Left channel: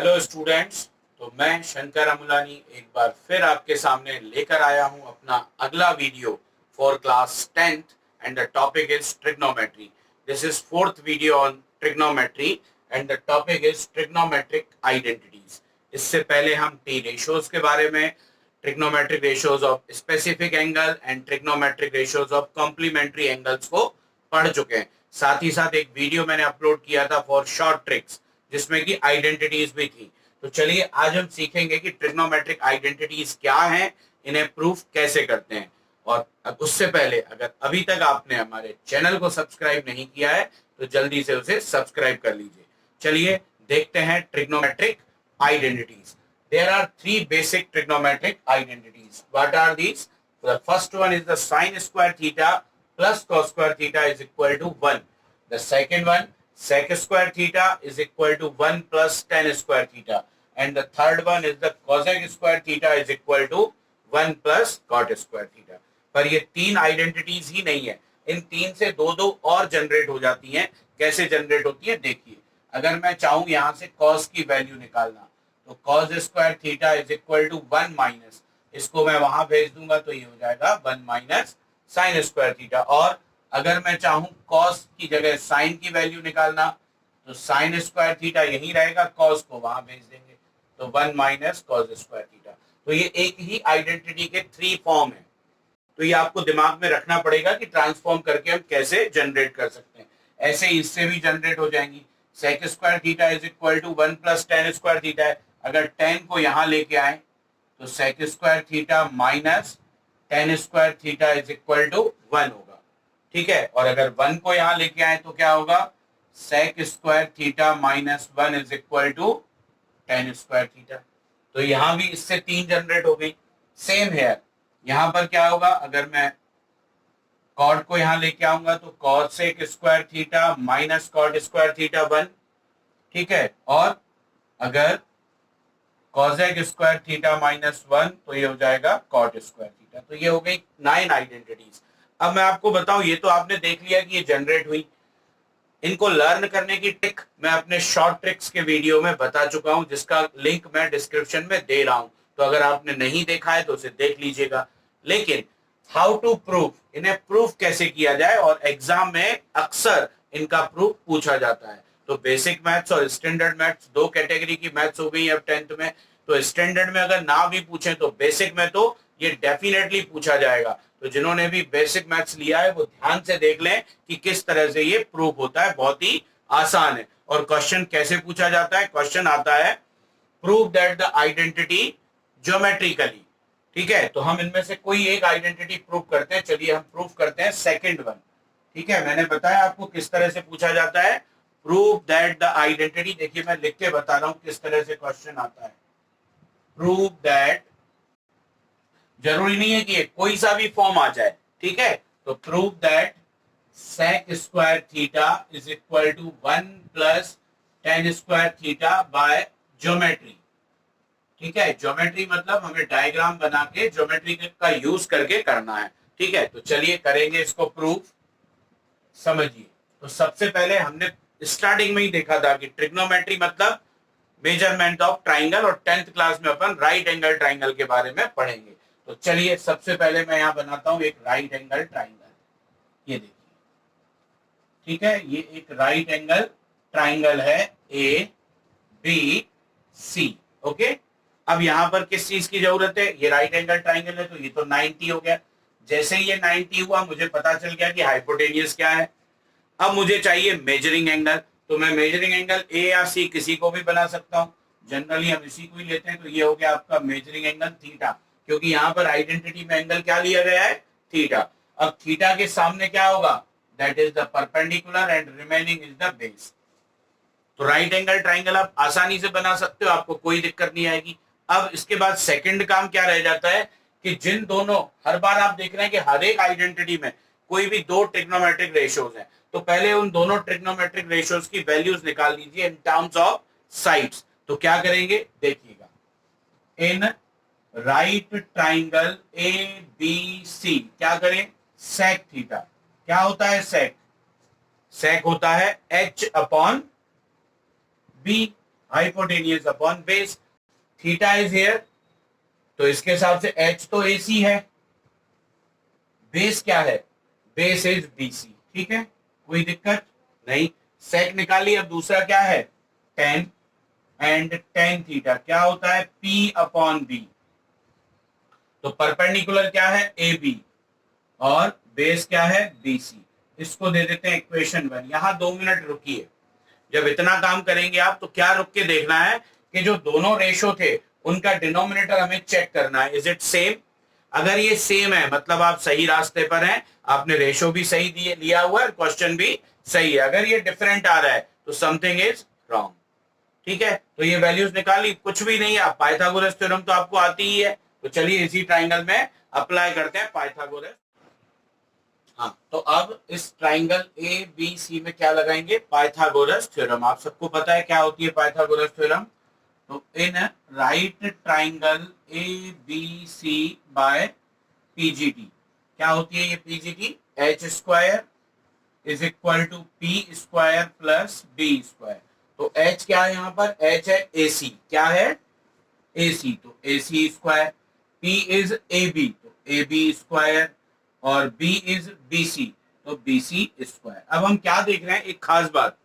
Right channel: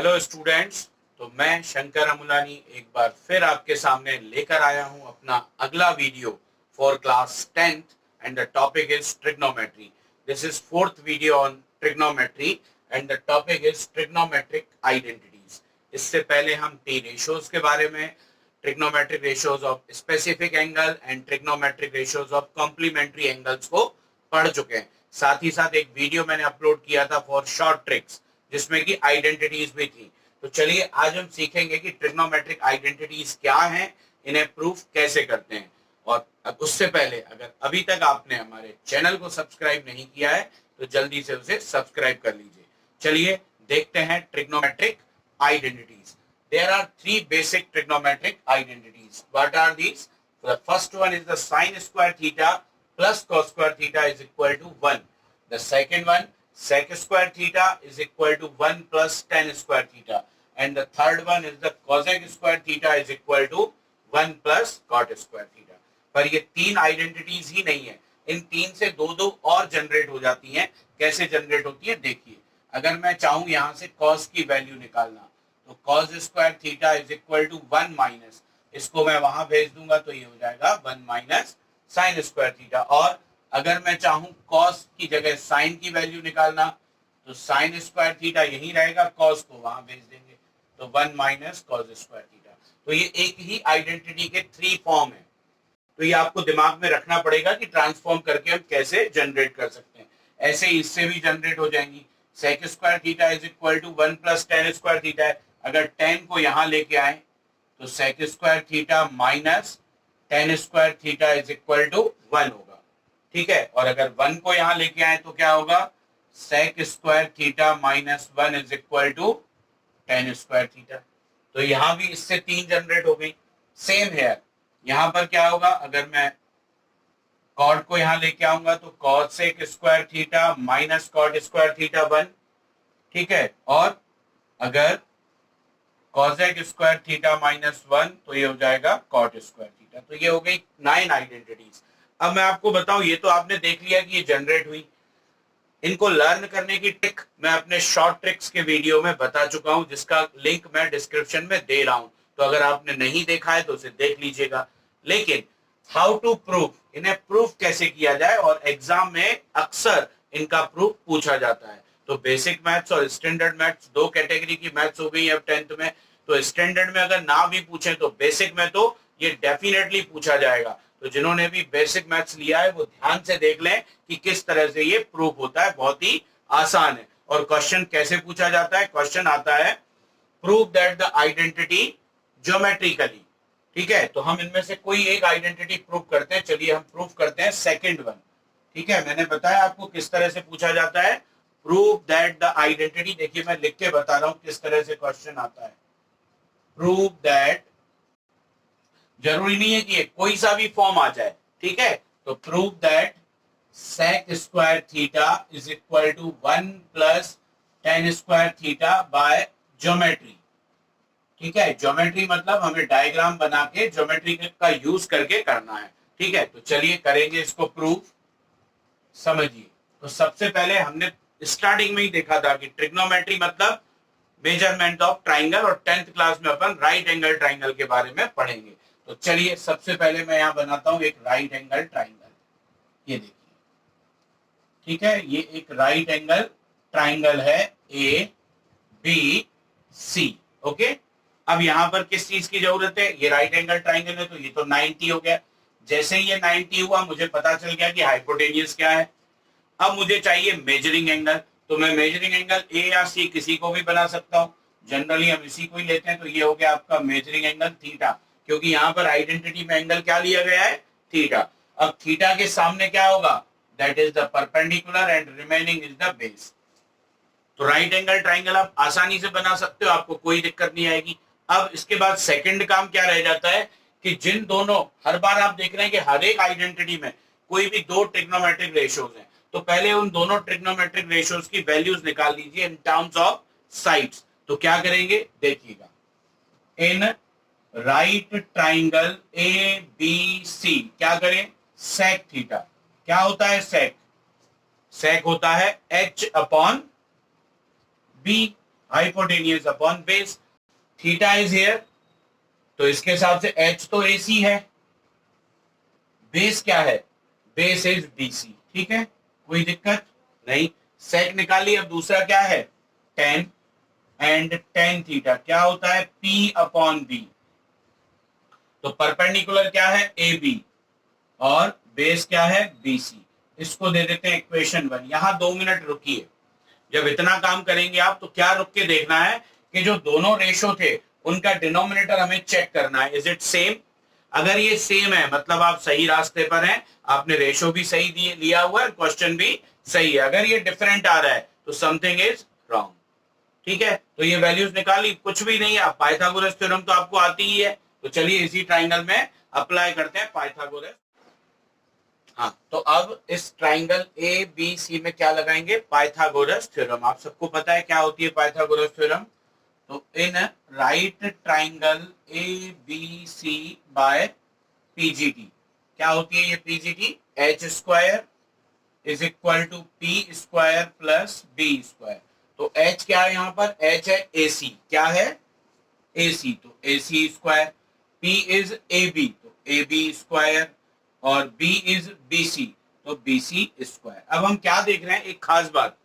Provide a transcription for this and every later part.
Hello students. तो मैं शंकर अमुलानी एक बार फिर आपके सामने लेकर आया हूं अपना अगला video for class 10th and the topic is trigonometry. This is fourth video on trigonometry and the topic is trigonometric identities. इससे पहले हम टी रेशियोज के बारे में, trigonometric ratios of specific angle and trigonometric ratios of complementary angles को पढ़ चुके हैं। साथ ही साथ एक वीडियो मैंने अपलोड किया था फॉर शॉर्ट ट्रिक्स जिसमें कि आइडेंटिटीज भी थी। तो चलिए आज हम सीखेंगे कि ट्रिग्नोमेट्रिक आइडेंटिटीज क्या हैं, इन्हें प्रूफ कैसे करते हैं। और उससे पहले अगर अभी तक आपने हमारे चैनल को सब्सक्राइब नहीं किया है तो जल्दी से उसे सब्सक्राइब कर लीजिए। चलिए देखते हैं trigonometric identities. There are three basic trigonometric identities. What are these? The first one is the sine square theta plus cos square theta is equal to 1. The second one, sec square theta is equal to 1 plus tan square theta. And the third one is the cosec square theta is equal to 1 plus cot square theta. पर ये तीन identities ही नहीं है, इन तीन से दो दो और जनरेट हो जाती हैं। कैसे जनरेट होती है देखिए। अगर मैं चाहूं यहां से cos की वैल्यू निकालना तो cos square theta is equal to 1 minus, इसको मैं वहां भेज दूंगा तो ये हो जाएगा 1 माइनस साइन स्क्वायर थीटा। और अगर मैं चाहूं cos की जगह साइन की वैल्यू निकालना तो साइन स्क्वायर थीटा यही रहेगा, cos को वहां भेज देंगे तो 1 माइनस cos स्क्वायर थीटा। तो ये एक ही आइडेंटिटी के थ्री फॉर्म है। तो ये आपको दिमाग में रखना पड़ेगा कि ट्रांसफॉर्म करके हम कैसे जनरेट कर सकते हैं। ऐसे ही इससे भी जनरेट हो जाएंगी। Sec square theta is equal to 1 plus tan square theta है। अगर टेन को यहां लेके आए तो sec square theta minus tan square theta is equal to 1 होगा। ठीक है, और अगर 1 को यहां लेके आए तो क्या होगा, sec square theta minus 1 is equal to tan square theta. तो यहां भी इससे तीन जनरेट हो गई। सेम हेयर यहां पर क्या होगा, अगर मैं कॉट को यहां लेके आऊंगा तो cosec square theta minus cot square theta 1। ठीक है, और अगर कॉसेक स्क्वायर थीटा माइनस 1 तो ये हो जाएगा कॉट स्क्वायर थीटा। तो ये हो गई 9 आइडेंटिटीज। अब मैं आपको बताऊं, ये तो आपने देख लिया कि ये जनरेट हुई। इनको लर्न करने की ट्रिक मैं अपने शॉर्ट ट्रिक्स के वीडियो में बता चुका हूं, जिसका लिंक मैं डिस्क्रिप्शन में दे रहा हूं। तो अगर आपने नहीं देखा है तो उसे देख लीजिएगा। लेकिन हाउ टू प्रूफ, इन्हें प्रूफ कैसे किया जाए, और एग्जाम में अक्सर इनका प्रूफ पूछा जाता है। तो बेसिक मैथ्स और स्टैंडर्ड मैथ्स दो कैटेगरी की मैथ्स हो गई अब 10th में। तो स्टैंडर्ड में अगर ना भी पूछे तो बेसिक में तो ये डेफिनेटली पूछा जाएगा। तो जिन्होंने भी बेसिक मैथ्स लिया है वो ध्यान से देख लें कि किस तरह से ये प्रूफ होता है। बहुत ही आसान है। और क्वेश्चन कैसे पूछा जाता है, क्वेश्चन आता है prove that the identity geometrically. ठीक है, तो हम इनमें से कोई एक आइडेंटिटी प्रूव करते हैं। चलिए हम प्रूव करते हैं सेकंड वन। ठीक है, मैंने बताया आपको किस तरह से पूछा जाता है, प्रूव दैट द आइडेंटिटी। देखिए मैं लिख के बता रहा हूं किस तरह से क्वेश्चन आता है। प्रूव दैट, जरूरी नहीं है कि ये कोई सा भी फॉर्म आ जाए। ठीक है, तो prove that sec square theta is equal to 1 plus tan square theta by geometry. ठीक है, ज्योमेट्री मतलब हमें डायग्राम बना के ज्योमेट्री का यूज करके करना है। ठीक है, तो चलिए करेंगे इसको प्रूफ। समझिए, तो सबसे पहले हमने स्टार्टिंग में ही देखा था कि ट्रिग्नोमेट्री मतलब मेजरमेंट ऑफ ट्राइंगल, और 10th क्लास में अपन राइट एंगल ट्राइंगल के बारे में पढ़ेंगे। तो चलिए सबसे पहले मैं यहां बनाता हूं एक राइट एंगल ट्राइंगल। ये देखिए, ठीक है, ये एक राइट एंगल ट्राइंगल है ए बी सी। ओके, अब यहां पर किस चीज की जरूरत है, ये राइट एंगल ट्राइंगल है तो ये तो 90 हो गया। जैसे ही ये 90 हुआ मुझे पता चल गया कि हाइपोटेनियस क्या है। अब मुझे चाहिए मेजरिंग एंगल, तो मैं मेजरिंग एंगल ए या सी किसी को भी बना सकता हूं। जनरली हम इसी को ही लेते हैं। तो ये हो गया आपका मेजरिंग एंगल थीटा, क्योंकि यहां पर आइडेंटिटी में एंगल क्या लिया गया है, थीटा। अब थीटा के सामने क्या होगा, that is the perpendicular and remaining is the base. तो राइट एंगल ट्राइंगल आप आसानी से बना सकते हो, आपको कोई दिक्कत नहीं आएगी। अब इसके बाद सेकंड काम क्या रह जाता है कि जिन दोनों, हर बार आप देख रहे हैं कि हर एक आइडेंटिटी में कोई भी दो ट्रिग्नोमेट्रिक रेशियोज हैं, तो पहले उन दोनों ट्रिग्नोमेट्रिक रेशियोज की वैल्यूज निकाल दीजिए इन टर्म्स ऑफ साइड्स। तो क्या करेंगे देखिएगा, in right triangle A B C क्या करें, सेक थीटा। क्या होता है सेक, सेक होता है H upon B. Hypotenuse upon base, theta is here, तो इसके हिसाब से h तो AC है, बेस क्या है, बेस इज BC, ठीक है, कोई दिक्कत नहीं। सेक निकाली, अब दूसरा क्या है, tan, एंड tan थीटा क्या होता है, P अपॉन B, तो परपेंडिकुलर क्या है AB और बेस क्या है BC, इसको दे देते हैं इक्वेशन 1। यहां 2 मिनट रुकिए, जब इतना काम करेंगे आप तो क्या रुक के देखना है कि जो दोनों रेशो थे उनका डिनोमिनेटर हमें चेक करना है, इज इट सेम। अगर ये सेम है मतलब आप सही रास्ते पर हैं, आपने रेशो भी सही दिए लिया हुआ है, क्वेश्चन भी सही है। अगर ये डिफरेंट आ रहा है तो समथिंग इज रॉन्ग, ठीक है। तो ये वैल्यूज निकाली, कुछ भी नहीं है, पाइथागोरस थ्योरम तो आपको आती ही है, तो चलिए इसी ट्राइंगल में अप्लाई करते हैं पाइथागोरस। हाँ, तो अब इस ट्राइंगल ए बी सी में क्या लगाएंगे, पाइथागोरस थ्योरम। आप सबको पता है क्या होती है पाइथागोरस थ्योरम, तो in right triangle A B C by PGT, क्या होती है ये PGT, H square is equal to P square plus D square. तो एच क्या है यहाँ पर, एच है एसी, क्या है AC, तो AC square, P is AB, तो AB स्क्वायर, और B इज BC, तो BC स्क्वायर। अब हम क्या देख रहे हैं, एक खास बात,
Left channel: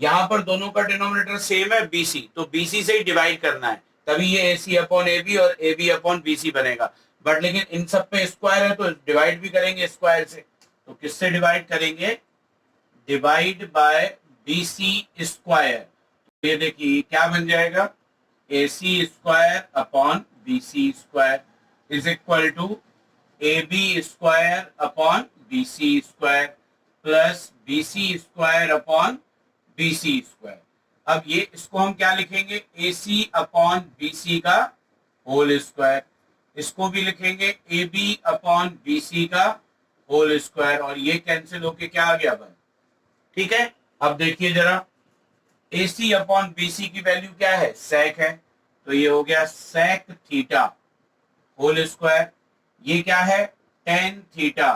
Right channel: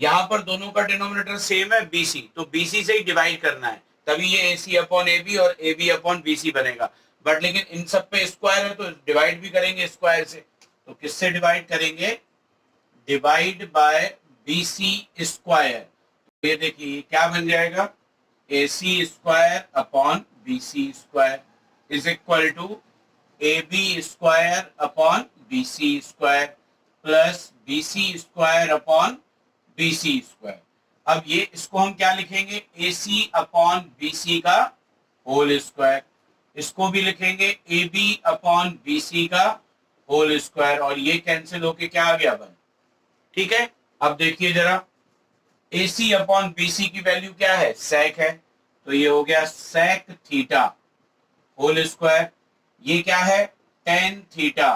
यहां पर दोनों का डिनोमिनेटर सेम है BC, तो BC से ही डिवाइड करना है, तभी ये AC अपॉन AB और AB अपॉन BC बनेगा। बट लेकिन इन सब पे स्क्वायर है तो डिवाइड भी करेंगे स्क्वायर से, तो किससे डिवाइड करेंगे, डिवाइड बाय BC स्क्वायर। ये देखिए क्या बन जाएगा, AC square upon BC square is equal to AB square upon BC square plus BC square upon BC square. अब ये इसको हम क्या लिखेंगे, AC अपॉन BC का होल स्क्वायर, इसको भी लिखेंगे AB अपॉन BC का होल स्क्वायर, और ये कैंसिल होके क्या आ गया 1, ठीक है। अब देखिए जरा, AC अपॉन BC की वैल्यू क्या है, सेक है, तो ये हो गया सेक थीटा होल स्क्वायर, ये क्या है टेन थीटा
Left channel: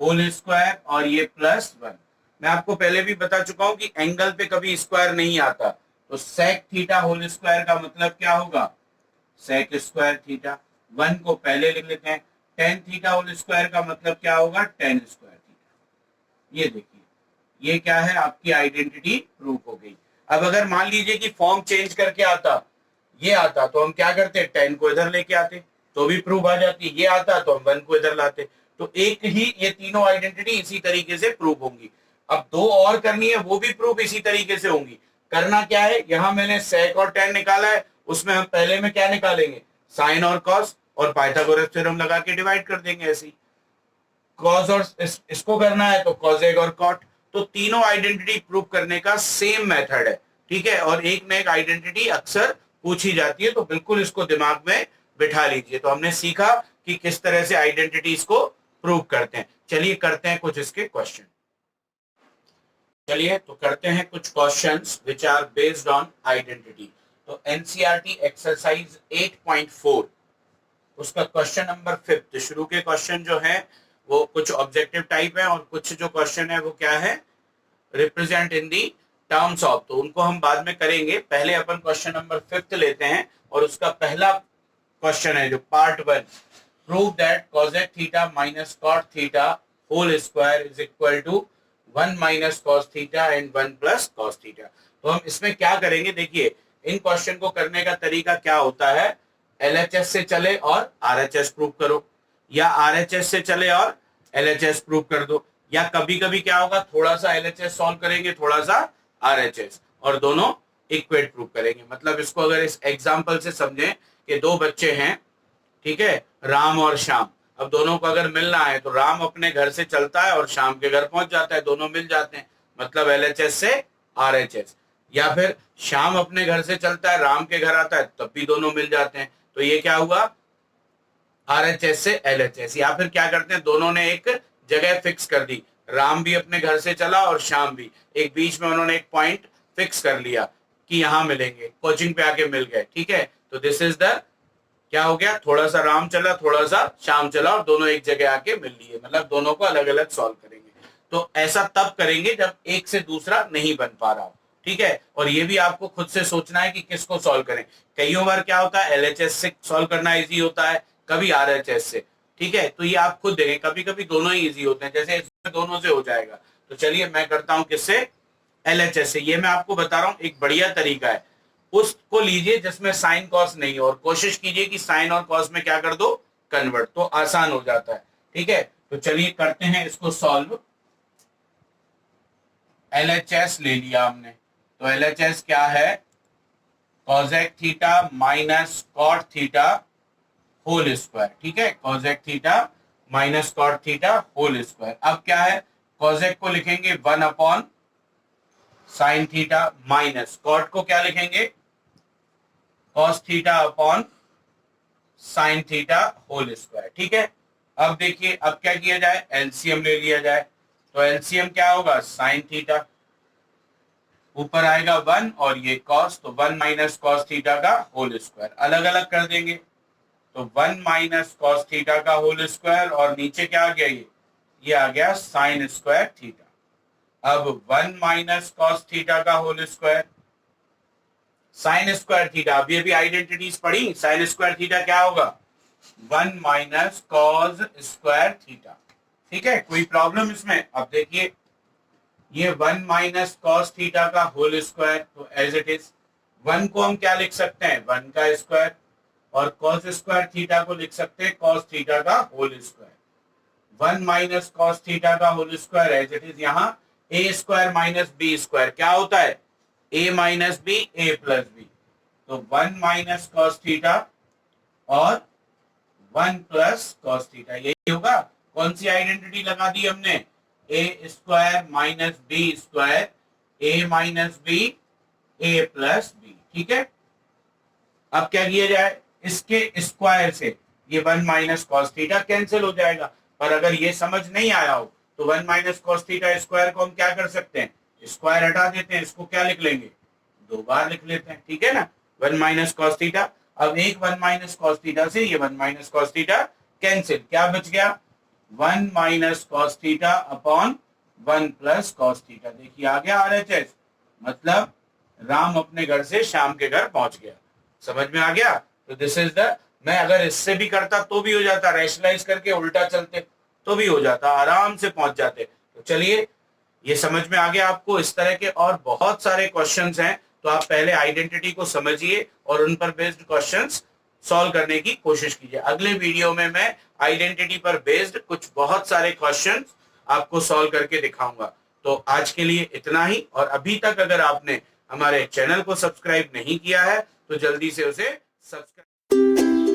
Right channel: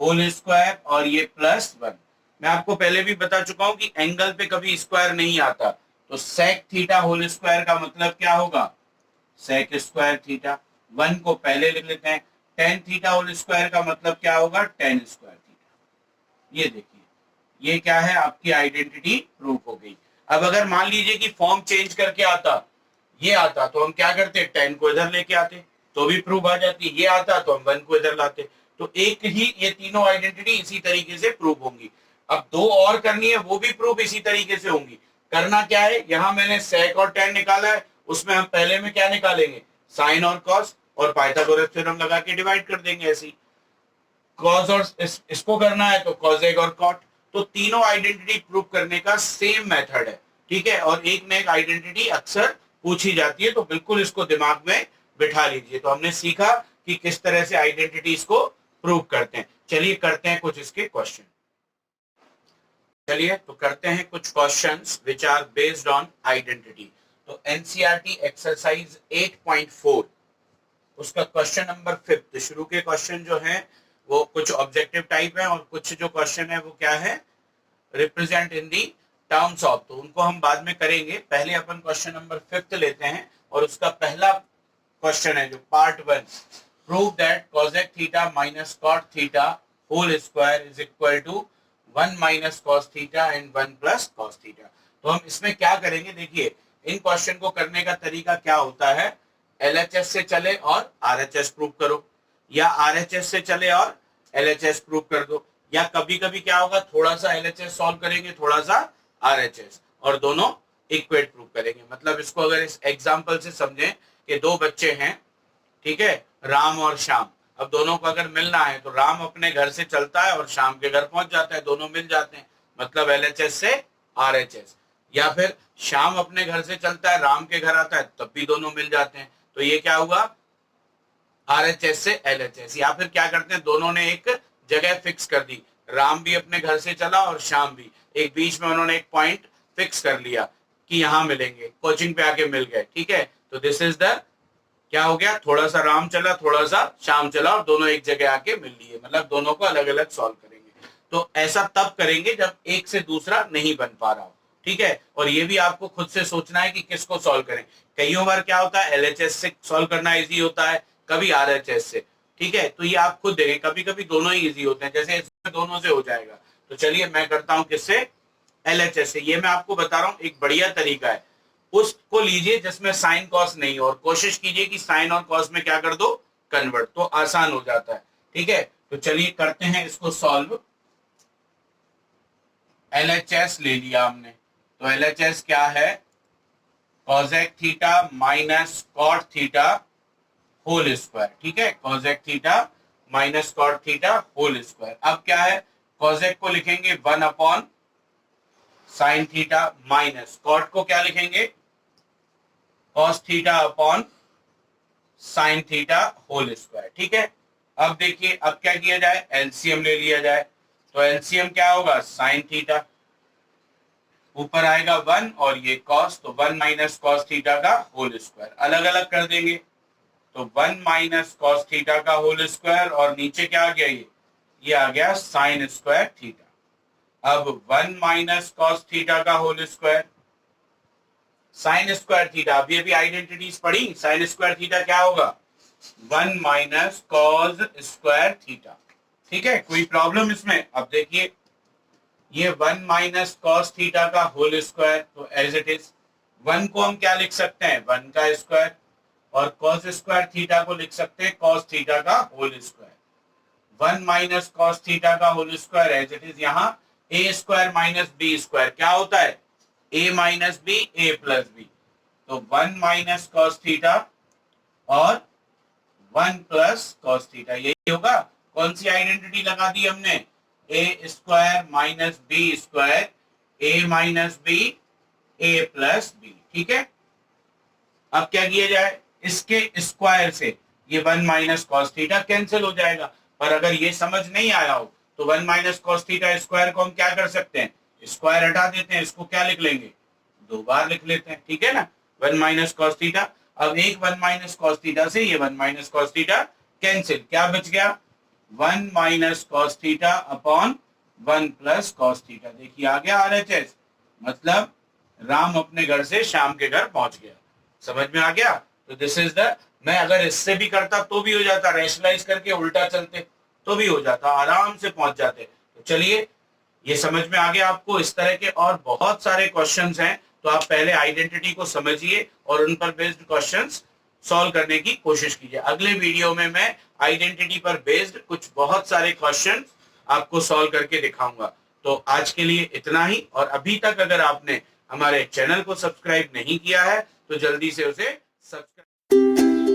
होल स्क्वायर, और ये प्लस 1। मैं आपको पहले भी बता चुका हूं कि एंगल पे कभी स्क्वायर नहीं आता, तो सेक थीटा होल स्क्वायर का मतलब क्या होगा, सेक स्क्वायर थीटा। 1 को पहले लिख लेते हैं, टेन थीटा होल स्क्वायर का मतलब क्या होगा, टेन स्क्वायर थीटा। ये देखिए, ये क्या है, आपकी आइडेंटिटी प्रूफ हो गई। अब अगर मान लीजिए कि फॉर्म चेंज करके आता, ये आता, तो हम क्या करते, 10 को इधर लेके आते तो भी प्रूफ आ जाती, ये आता तो हम 1 को इधर लाते, तो एक ही ये तीनों आइडेंटिटी इसी तरीके से प्रूफ होंगी। अब 2 और करनी है, वो भी प्रूफ इसी तरीके से होंगी। करना क्या है, यहां मैंने सेक और टेन निकाला है, उसमें हम पहले में क्या निकालेंगे, साइन और कॉस, और पाइथागोरस थ्योरम लगा के डिवाइड कर देंगे ऐसी। कॉस और इसको करना है तो कॉसेक और कॉट, तो तीनों आइडेंटिटी प्रूव करने का सेम मेथड है, ठीक है। और एक ना एक आइडेंटिटी अक्सर पूछी जाती है, तो बिल्कुल इसको दिमाग में बिठा लीजिए। तो हमने सीखा कि किस तरह से आइडेंटिटीज को प्रूव करते हैं। चलिए करते हैं कुछ इसके क्वेश्चन। चलिए तो करते हैं कुछ questions which are based on identity. तो एनसीईआरटी एक्सरसाइज 8.4 उसका क्वेश्चन नंबर 5 शुरू के क्वेश्चन जो है वो कुछ ऑब्जेक्टिव टाइप है, और कुछ जो क्वेश्चन है वो क्या है, represent in the terms of, तो उनको हम बाद में करेंगे। पहले अपन क्वेश्चन नंबर 5 लेते हैं, और उसका पहला क्वेश्चन है जो part 1, prove that cosec theta minus cot theta whole square is equal to 1 minus cos theta and 1 plus cos theta. तो हम इसमें क्या करेंगे, देखिए इन क्वेश्चन को करने का तरीका क्या होता है, LHS से चले और RHS प्रूव करो, या RHS से चले और LHS प्रूव कर दो, या कभी कभी क्या होगा, थोड़ा सा LHS सॉल्व करेंगे, थोड़ा सा RHS, और दोनों इक्वेट प्रूव करेंगे। मतलब इसको अगर इस एग्जांपल से समझें कि 2 बच्चे हैं, ठीक है, राम और श्याम। अब दोनों को अगर मिलना है तो राम अपने घर से चलता है और श्याम के घर पहुंच जाता है, दोनों मिल जाते हैं, मतलब LHS से RHS। या फिर श्याम अपने घर से चलता है, राम के घर आता है, तब भी दोनों मिल जाते हैं, तो ये क्या हुआ, RHS से LHS। या फिर क्या करते हैं, दोनों ने एक जगह फिक्स कर दी, राम भी अपने घर से चला और श्याम भी, एक बीच में उन्होंने एक पॉइंट फिक्स कर लिया कि यहां मिलेंगे, कोचिंग पे आके मिल गए, ठीक है। तो दिस इज द, क्या हो गया, थोड़ा सा राम चला, थोड़ा सा श्याम चला, और दोनों एक जगह आके मिल लिए, मतलब दोनों को अलग अलग सॉल्व करेंगे। तो ऐसा तब करेंगे जब एक से दूसरा नहीं बन पा रहा हो, ठीक है। और ये भी आपको खुद से सोचना है कि किसको सॉल्व करें। कईयों बार क्या होता है, एलएचएस से सॉल्व करना इजी होता है, कभी आरएचएस से, ठीक है। तो ये आप खुद देखें, कभी कभी दोनों ही इजी होते हैं, जैसे इसमें दोनों से हो जाएगा। तो चलिए मैं करता हूं किससे, एलएचएस से। ये मैं आपको बता रहा हूं एक बढ़िया तरीका है, उसको लीजिए जिसमें साइन कॉस नहीं हो, और कोशिश कीजिए कि साइन और कॉस में क्या कर दो, कन्वर्ट, तो आसान हो जाता है, ठीक है। तो चलिए करते हैं इसको सॉल्व। एलएचएस ले लिया हमने, तो एलएचएस क्या है, cosec theta minus cot theta whole square, ठीक है। Cosec theta minus cot theta whole square. अब क्या है, कॉसेक को लिखेंगे 1 upon sine theta, minus cot को क्या लिखेंगे, cos theta upon sine theta whole square, ठीक है। अब देखिए अब क्या किया जाए, एलसीएम ले लिया जाए। तो एलसीएम क्या होगा, साइन थीटा, ऊपर आएगा 1 और ये कॉस, तो 1 माइनस कॉस थीटा का होल स्क्वायर, अलग अलग कर देंगे। तो 1 माइनस कॉस थीटा का होल स्क्वायर, और नीचे क्या आ गया, ये आ गया साइन स्क्वायर थीटा। अब 1 माइनस कॉस थीटा का whole square, sine square theta, अब ये भी आइडेंटिटीज पढ़ी, साइन स्क्वायर थीटा क्या होगा, 1 माइनस कॉस स्क्वायर थीटा, ठीक है। कोई प्रॉब्लम इसमें, अब देखिए ये 1 माइनस कॉस थीटा का होल स्क्वायर, तो एज इट इज 1 को हम क्या लिख सकते हैं, 1 का स्क्वायर, और कॉस स्क्वायर थीटा को लिख सकते हैं कॉस थीटा का whole square. 1 minus cos theta का whole square as it is, यहाँ A square minus B square क्या होता है, A minus B A plus B, तो 1 माइनस कॉस थीटा और 1 प्लस कॉस थीटा, यही होगा। कौन सी आइडेंटिटी लगा दी हमने, ए square minus B square, A minus B A plus B, ठीक है। अब क्या किया जाए, इसके स्क्वायर से ये 1 माइनस कॉस थीटा कैंसिल हो जाएगा, पर अगर ये समझ नहीं आया हो तो 1 माइनस कॉस थीटा स्क्वायर को हम क्या कर सकते हैं, स्क्वायर हटा देते हैं, इसको क्या लिख लेंगे, 2 बार लिख लेते हैं, ठीक है ना। 1 माइनस कॉस थीटा, अब एक 1 माइनस कॉस थीटा से ये 1 माइनस कॉस थीटा कैंसिल, क्या बच गया, 1 minus cos theta upon 1 plus cos theta. देखिए आ गया आरएचएस, मतलब राम अपने घर से श्याम के घर पहुंच गया, समझ में आ गया। तो दिस इज द, मैं अगर इससे भी करता तो भी हो जाता, रैशनलाइज करके उल्टा चलते तो भी हो जाता, आराम से पहुंच जाते। तो चलिए ये समझ में आ गया आपको। इस तरह के और बहुत सारे क्वेश्चंस हैं, तो आप पहले आइडेंटिटी को समझिए और उन पर बेस्ड क्वेश्चंस सॉल्व करने की कोशिश कीजिए। अगले वीडियो में मैं आइडेंटिटी पर बेस्ड कुछ बहुत सारे क्वेश्चंस आपको सॉल्व करके दिखाऊंगा। तो आज के लिए इतना ही, और अभी तक अगर आपने हमारे चैनल को सब्सक्राइब नहीं किया है तो जल्दी से उसे सब्सक्राइब